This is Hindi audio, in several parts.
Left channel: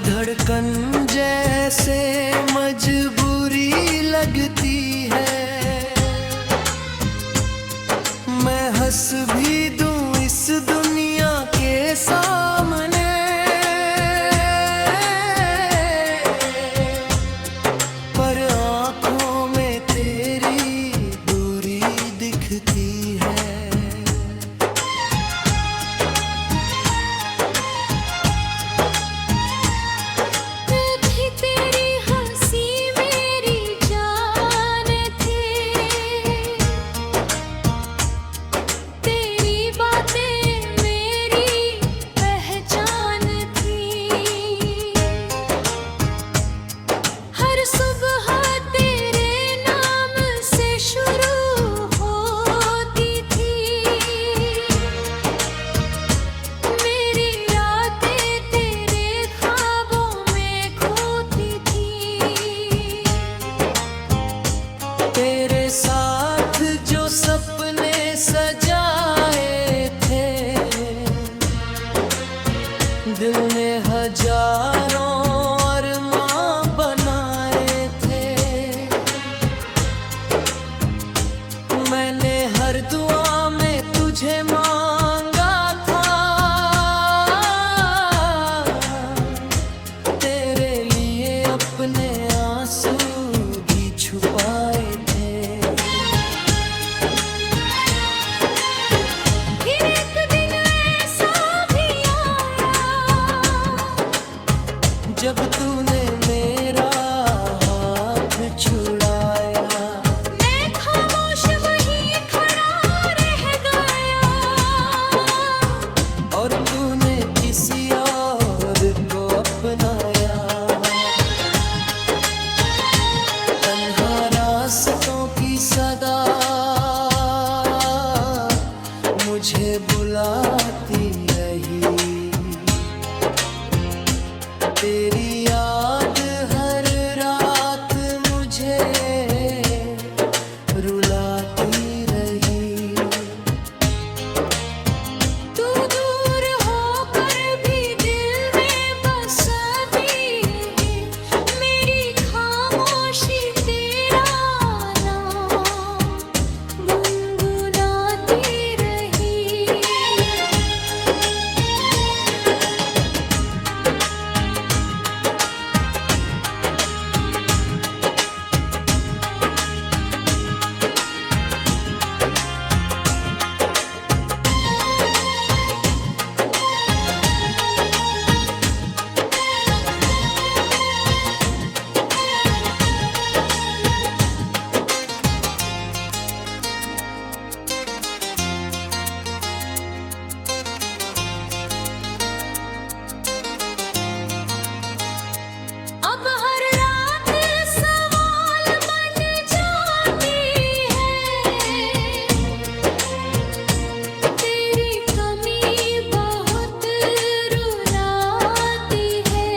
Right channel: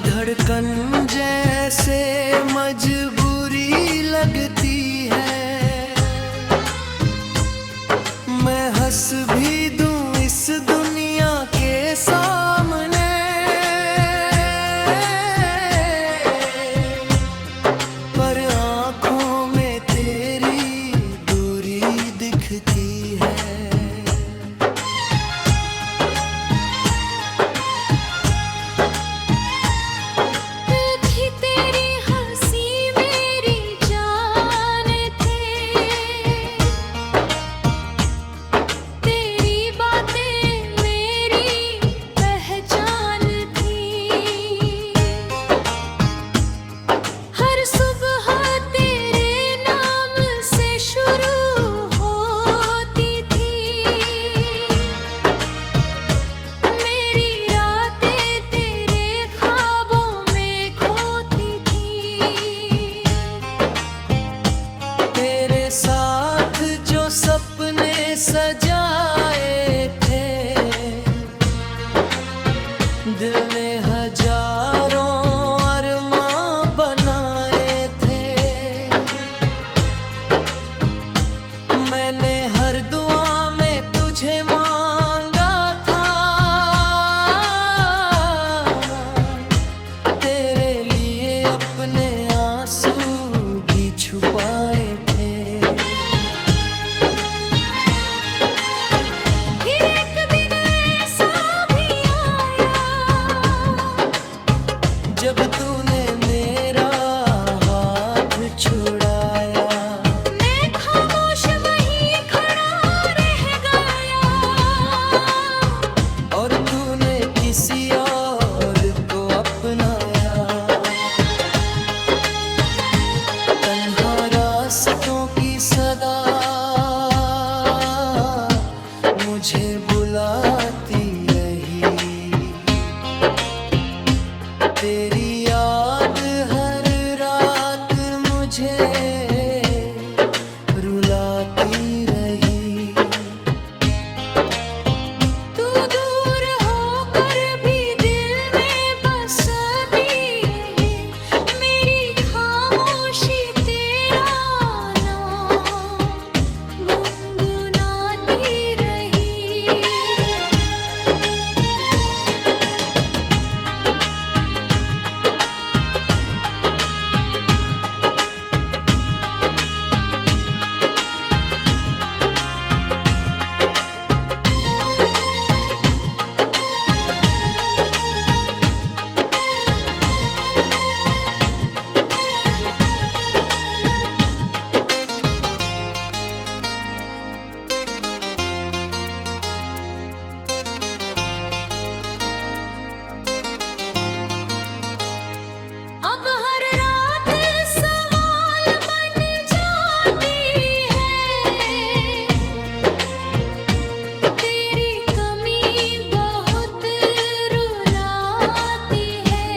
धड़कन जैसे मजबूरी लगती है। मैं हंस भी दूं इस दुनिया के सामने, पर आंखों में तेरी दूरी दिखती है। तेरे साथ जो सपने सजाए थे, दिल ने हजारों अरमां बनाए थे। मैंने हर दुआ में तुझे मांगा था, तेरे लिए अपने आंसू भी छुपाए थे। फिर एक दिन ऐसा भी आया जब तूने मेरा हाथ छुड़ाया। मैं खामोश वहीं खड़ा रह गया, और तूने किसी और को अपनाया। तन्हा रास्तों की सदा मुझे बुलाती रही, तेरी याद हर रात मुझे रुलाती रही। तू दूर होकर भी दिल में बसती रही, मेरी खामोशी तेरा नाम गुनगुनाती रही। अब हर रात सवाल बन जाती है, तेरी कमी बहुत रुलाती है।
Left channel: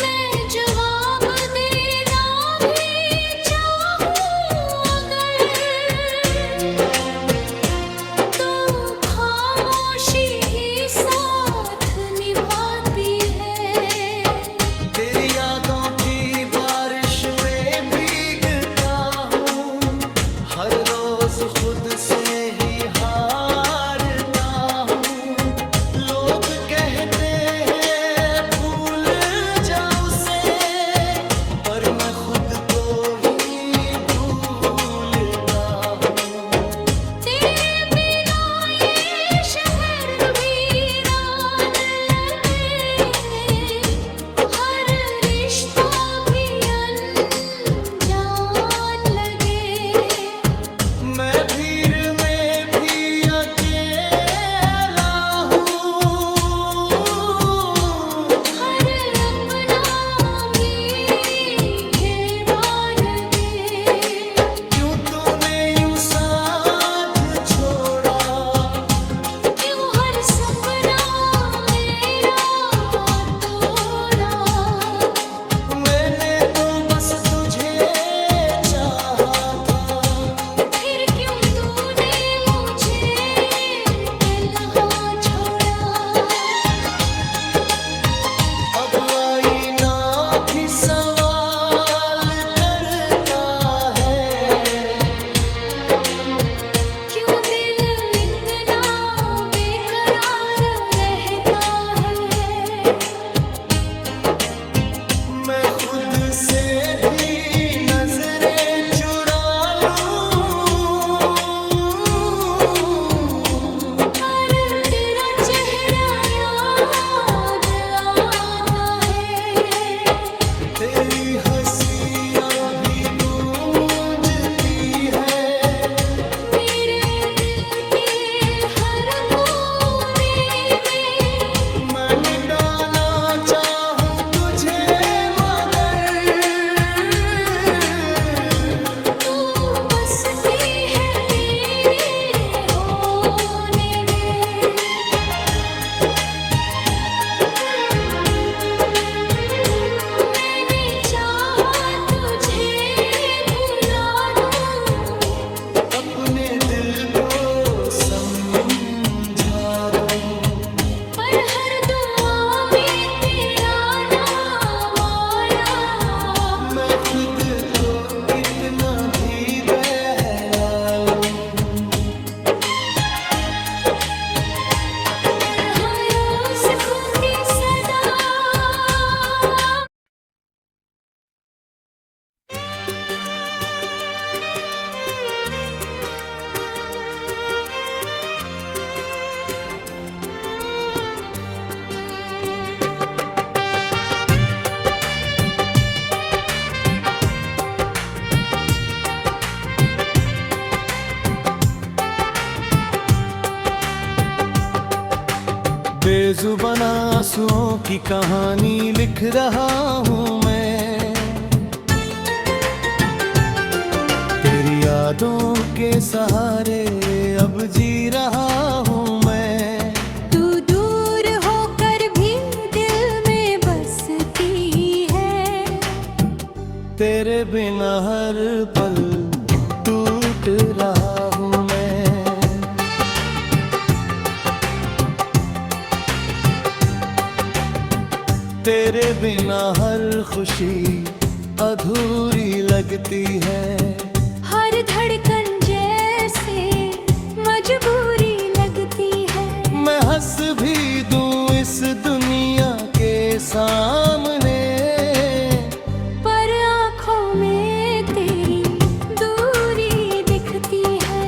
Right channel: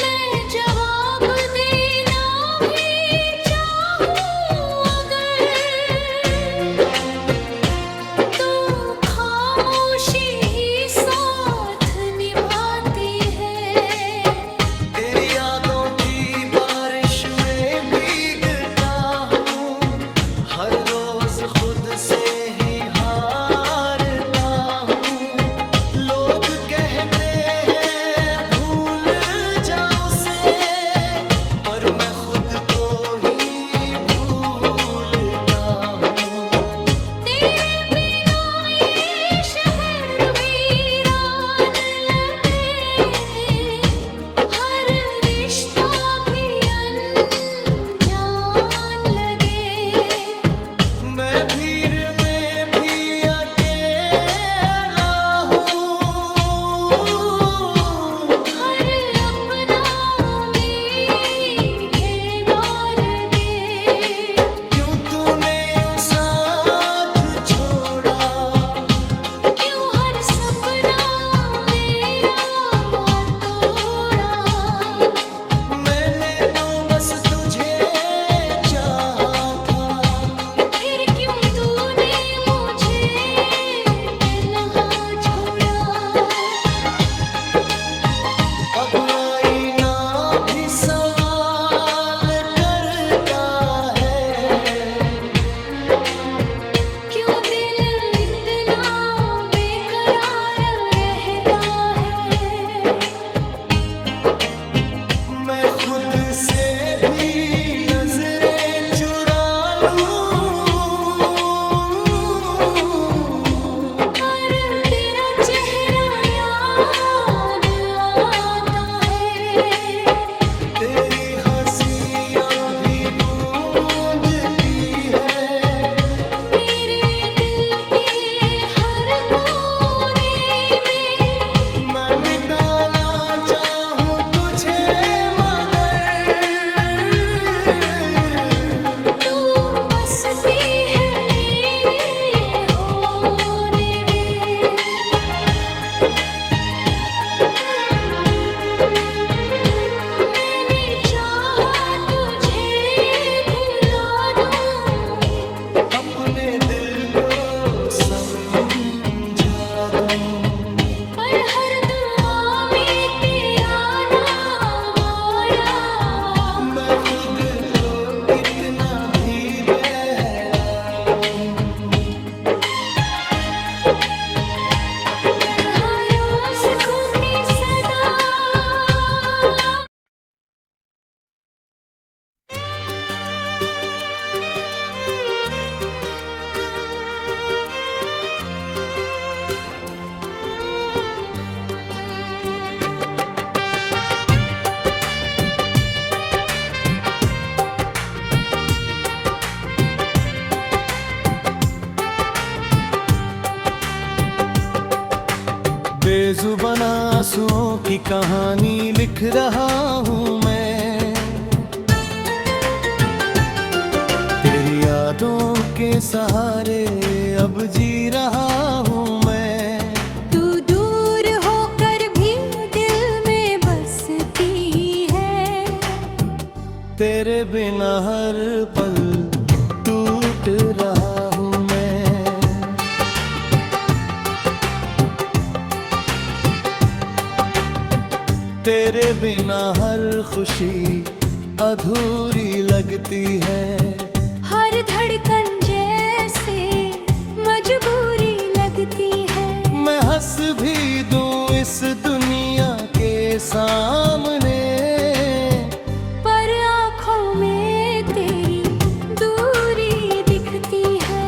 मैं जवाब देना भी चाहूँ अगर, तो खामोशी ही साथ निभाती है। तेरी यादों की बारिश में भीगता हूँ, हर रोज खुद से ही हारता हूँ। लोग कहते हैं भूल जा उसे, पर मैं खुद को ही भूलता हूँ। तेरे बिना ये शहर वीरान लगे, हर रिश्ता भी अनजान लगे। मैं भीड़ में भी अकेला खुद से भी नजरें चुरा लूं, और तेरा चेहरा याद आता है। तेरी हंसी अब भी गूंजती है मेरे दिल के हर कोने में। मैं मिटाना चाहूं तुझे मगर तू बसती है मेरे होने में। मैंने चाहा तुझे भुला दूं, अपने दिल को समझा दूं। पर हर दुआ में तेरा नाम आया। मैं खुद को कितना भी बहला लूं, तन्हा रोज खोती सदा। बेजुबान आंसुओं की कहानी लिख रहा हूँ मैं, तेरी यादों के सहारे अब जी रहा हूँ मैं। तू दूर होकर भी दिल में बसती है। तेरे बिना हर पल टूट रहा हूँ मैं। तेरे बिना हर खुशी अधूरी लगती है। हर धड़कन जैसे मजबूरी लगती है। मैं हंस भी दूं इस दुनिया के सामने, पर आँखों में तेरी दूरी दिखती है।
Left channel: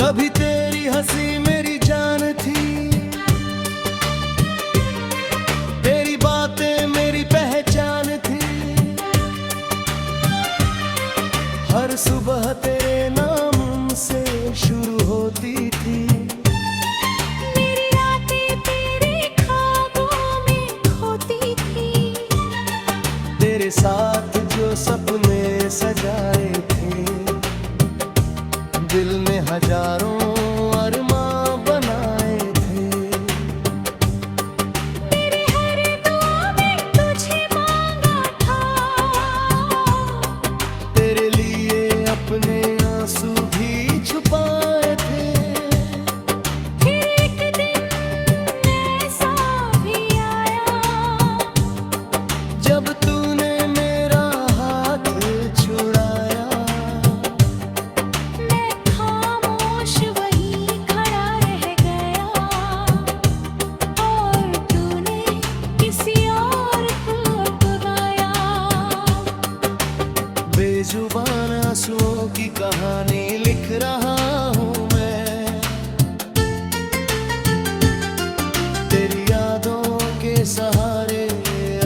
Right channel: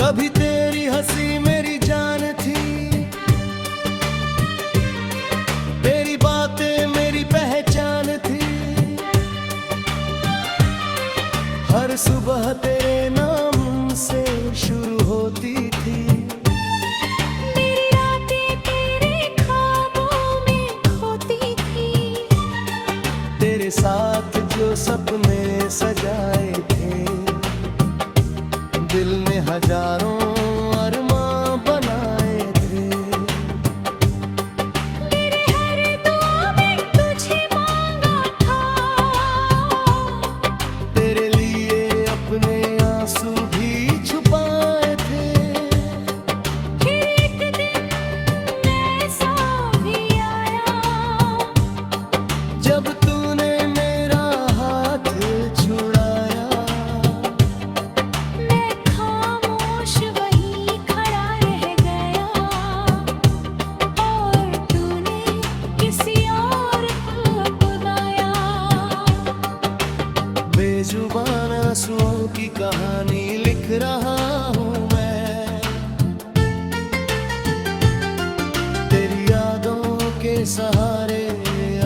कभी तेरी हंसी मेरी जान थी, तेरी बातें मेरी पहचान थी। हर सुबह तेरे नाम से शुरू होती थी। मेरी रातें तेरे ख्वाबों में खोती थी। तेरे साथ जो सपने सजाए थे, दिल ने हजारों अरमां बनाए थे। मेरे हर दुआ में तुझे मांगा था। तेरे लिए अपने आंसू भी छुपाए थे। फिर एक दिन ऐसा भी आया, जब तूने मेरा हाथ छुड़ाया। मैं खामोश वहीं खड़ा रह गया, और तूने किसी और को अपनाया। बेजुबान आंसुओं की कहानी लिख रहा हूँ मैं, तेरी यादों के सहारे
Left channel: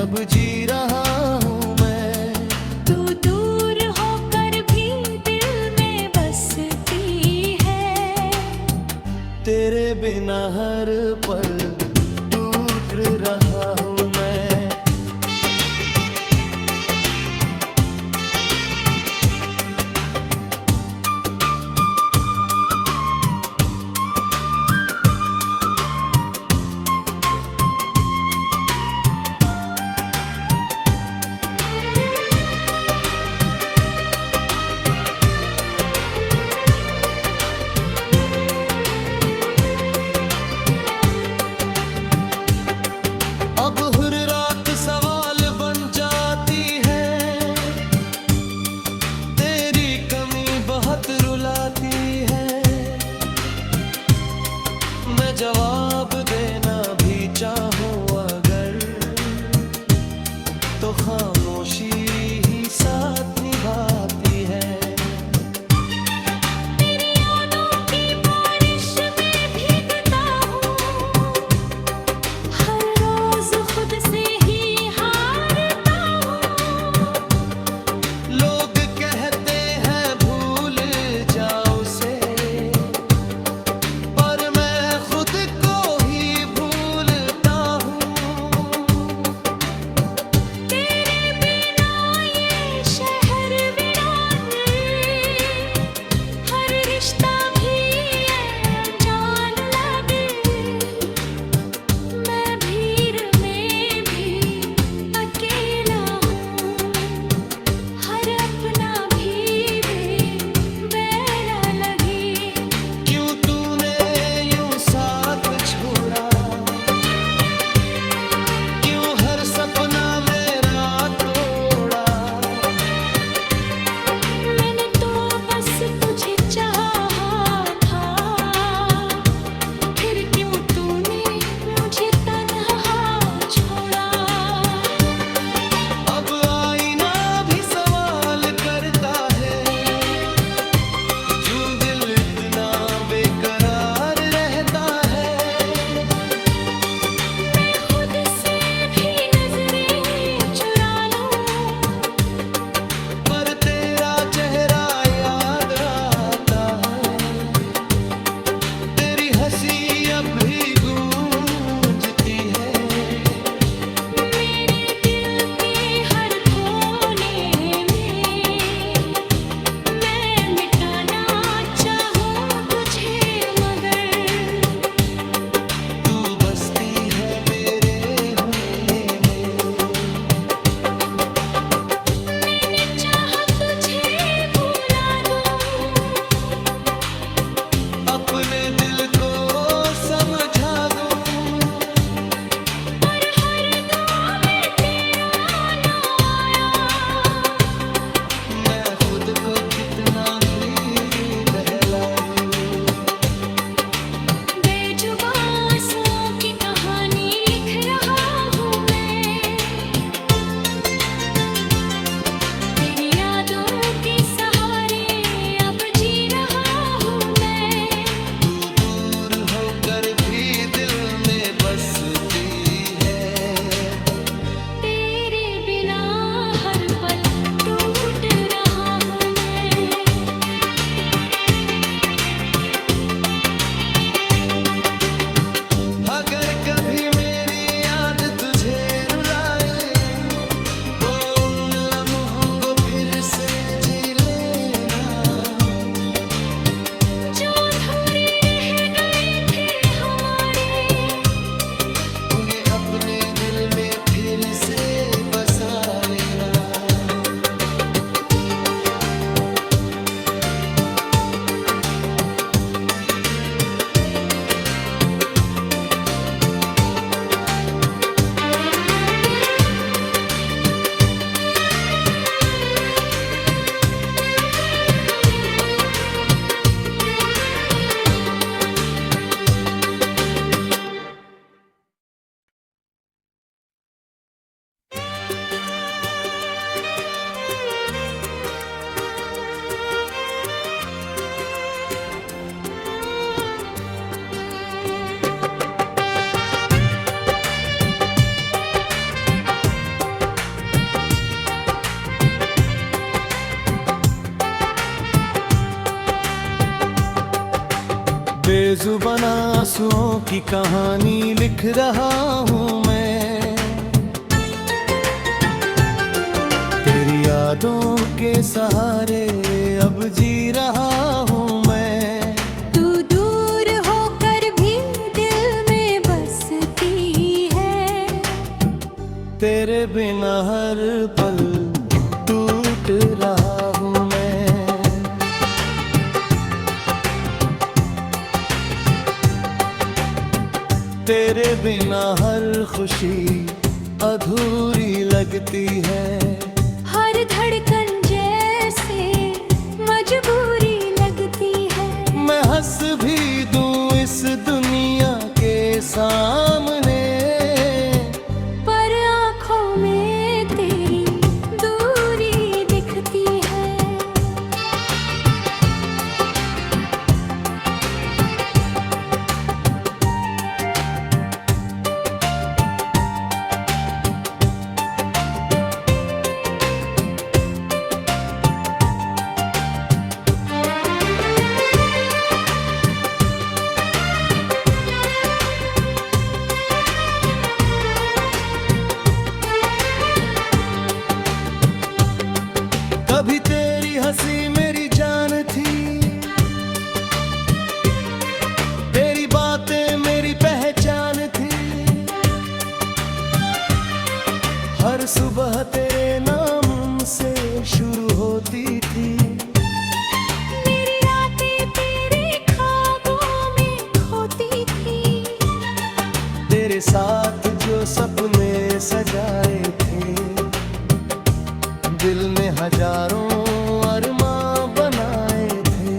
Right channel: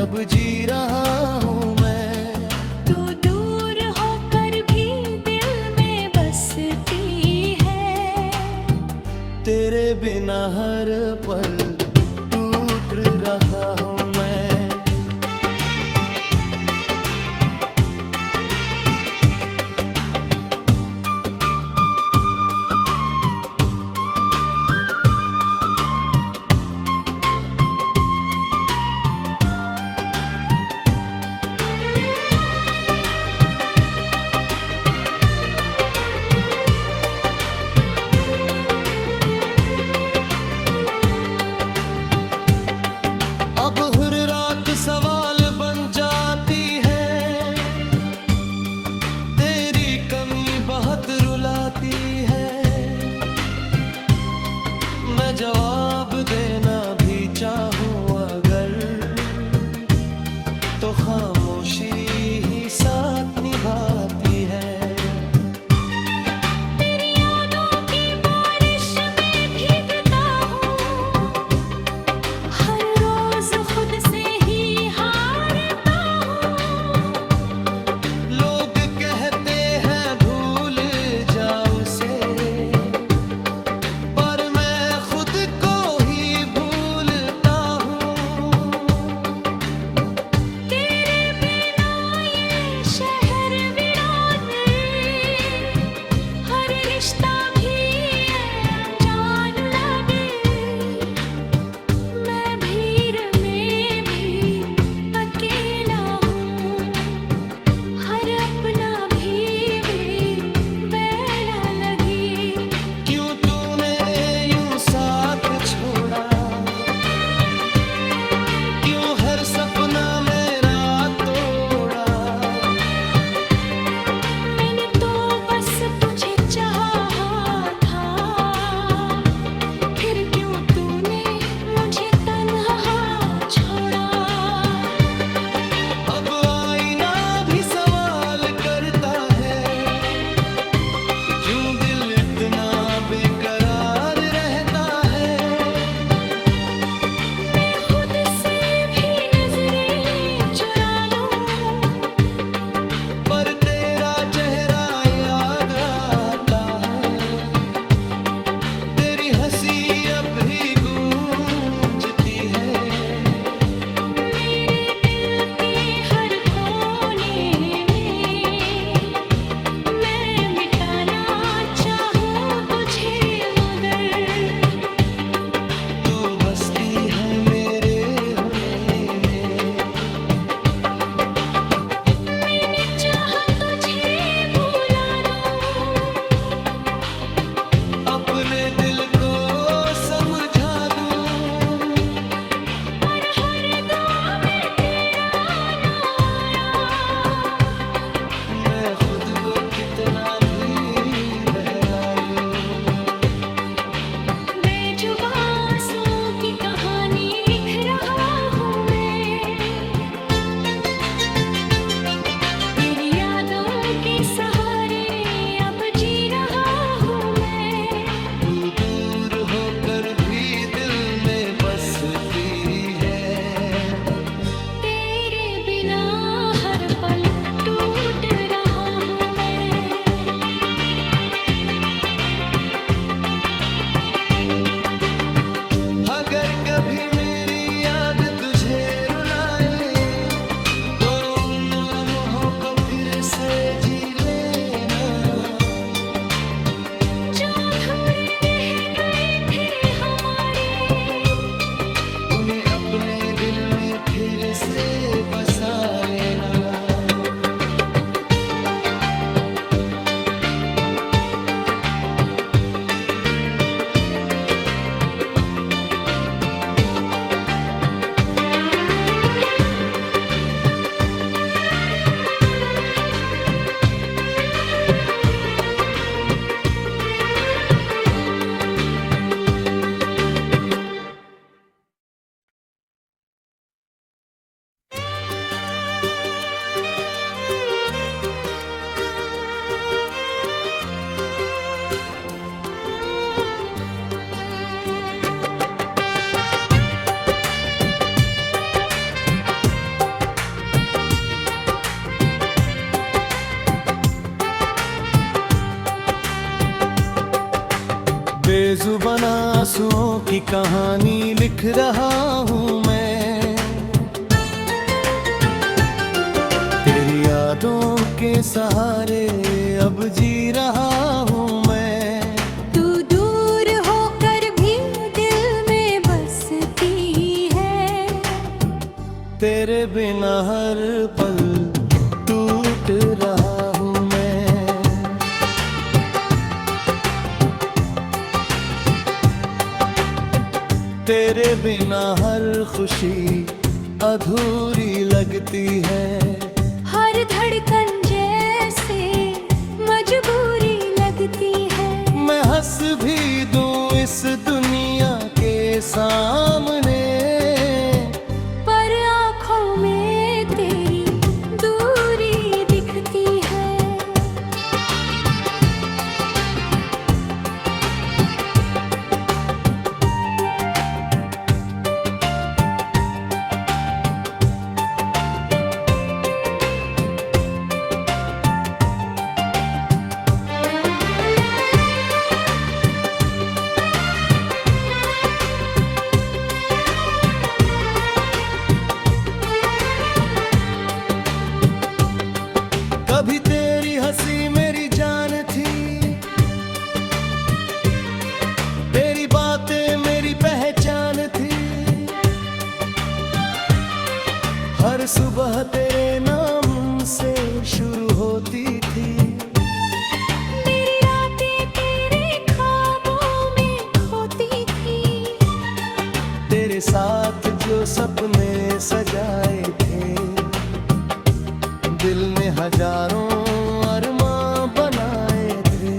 अब जी रहा हूँ मैं। तू दूर होकर भी दिल में बसती है। तेरे बिना हर पल टूट रहा हूँ मैं। जवाब देना भी चाहूं अगर, तो खामोशी ही साथ निभाती है। तेरी यादों की बारिश में भीगता हूँ, हर रोज खुद से ही हारता हूँ। लोग कहते हैं भूल जाओ उसे, पर मैं खुद को ही भूलता हूँ। तेरे बिना ये शहर वीरान, हर रिश्ता भी अनजान लगे। मैं भीड़ में भी अकेला हूँ, हर अपना भी बेबैना लगे। क्यों तूने यूं साथ छोड़ा, क्यों हर सपना मेरा तोड़ा। मैंने तो बस तुझे चाहा था, फिर क्यों तूने मुझे तन्हा छोड़ा। अब आईना भी सवाल करता है, क्यों दिल इतना बेकरार रहता है। मैं खुद से भी नजरें चुरा लूं, पर तेरा चेहरा याद आता है। तेरी हंसी अब भी गूंजती है। मेरे दिल के हर कोने में मैं मिटाना चाहूं तुझे, मगर तू बसती है मेरे होने में। मैंने चाहा तुझे भुला दूं, अपने दिल को समझा दूं, पर हर दुआ में तेरा नाम आया। मैं खुद को कितना भी बहला दूं। बेजुबां आंसुओं की कहानी लिख रहा हूँ मैं, तेरी यादों के सहारे अब जी रहा हूँ मैं। तू दूर होकर भी दिल में बसती है। तेरे बिना हर पल टूट रहा हूँ मैं। अगर कभी मेरी याद तुझे रुलाए, तो उन लम्हों को फिर से जी लेना। जो अधूरे रह गए थे हमारे, उन्हें अपने दिल में फिर से बसा लेना। बेजुबान आंसुओं की कहानी लिख रहा हूँ मैं। तेरी यादों के सहारे अब जी रहा हूँ मैं। तू दूर होकर भी दिल में बसती है। तेरे बिना हर पल टूट रहा हूँ मैं। तेरे बिना हर खुशी अधूरी लगती है। हर धड़कन जैसे मजबूरी लगती है। मैं हंस भी दूं इस दुनिया सामने, पर आँखों में तेरी दूरी दिखती है। कभी तेरी हंसी मेरी जान थी, तेरी बातें मेरी पहचान थी। हर सुबह तेरे नाम से शुरू होती थी। मेरी रातें तेरे ख्वाबों में खोती थी। तेरे साथ जो सपने सजाए थे, दिल ने हजारों अरमां बनाए थे।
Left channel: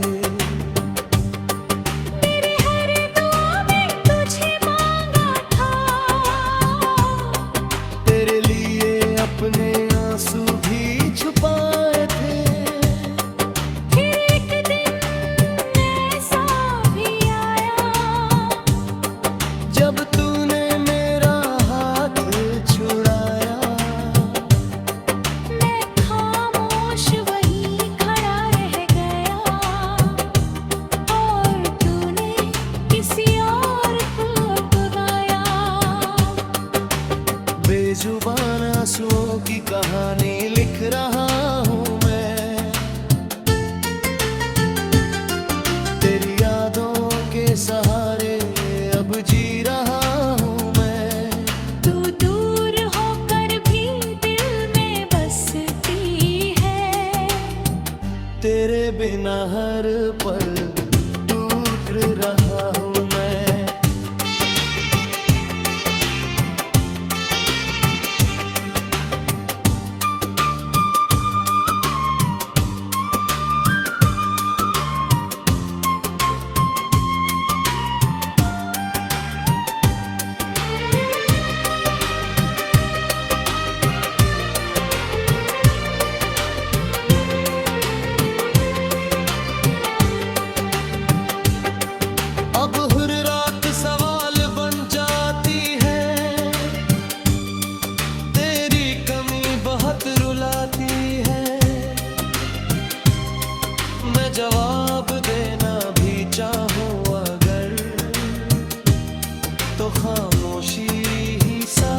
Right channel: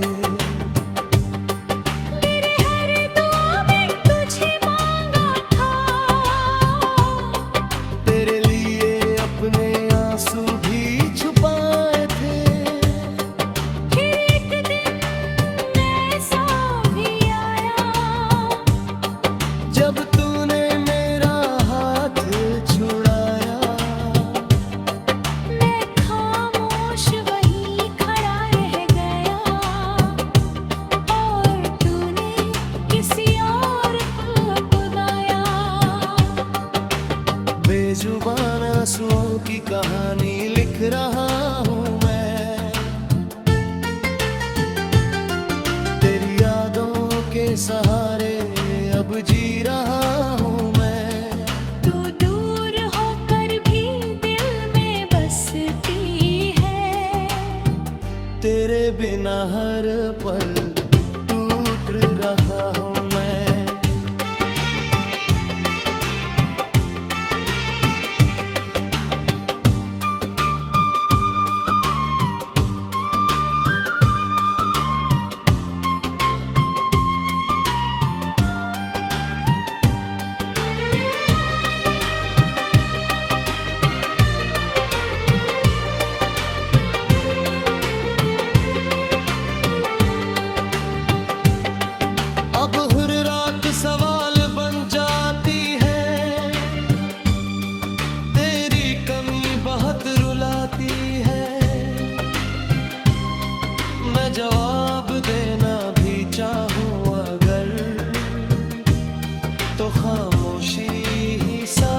मेरे हर दुआ में तुझे मांगा था। तेरे लिए अपने आंसू भी छुपाए थे। फिर एक दिन ऐसा भी आया, जब तूने मेरा हाथ छुड़ाया। मैं खामोश वहीं खड़ा रह गया, और तूने किसी और को अपनाया। बेजुबान आंसुओं की कहानी लिख रहा हूँ मैं, तेरी यादों के सहारे अब जी रहा हूँ मैं। तू दूर होकर भी दिल में बसती है। तेरे बिना हर पल टूट रहा हूँ मैं। अब हर रात सवाल बन जाती है, तेरी कमी बहुत रुलाती है। मैं जवाब देना भी चाहूँ अगर, तो खामोशी ही सा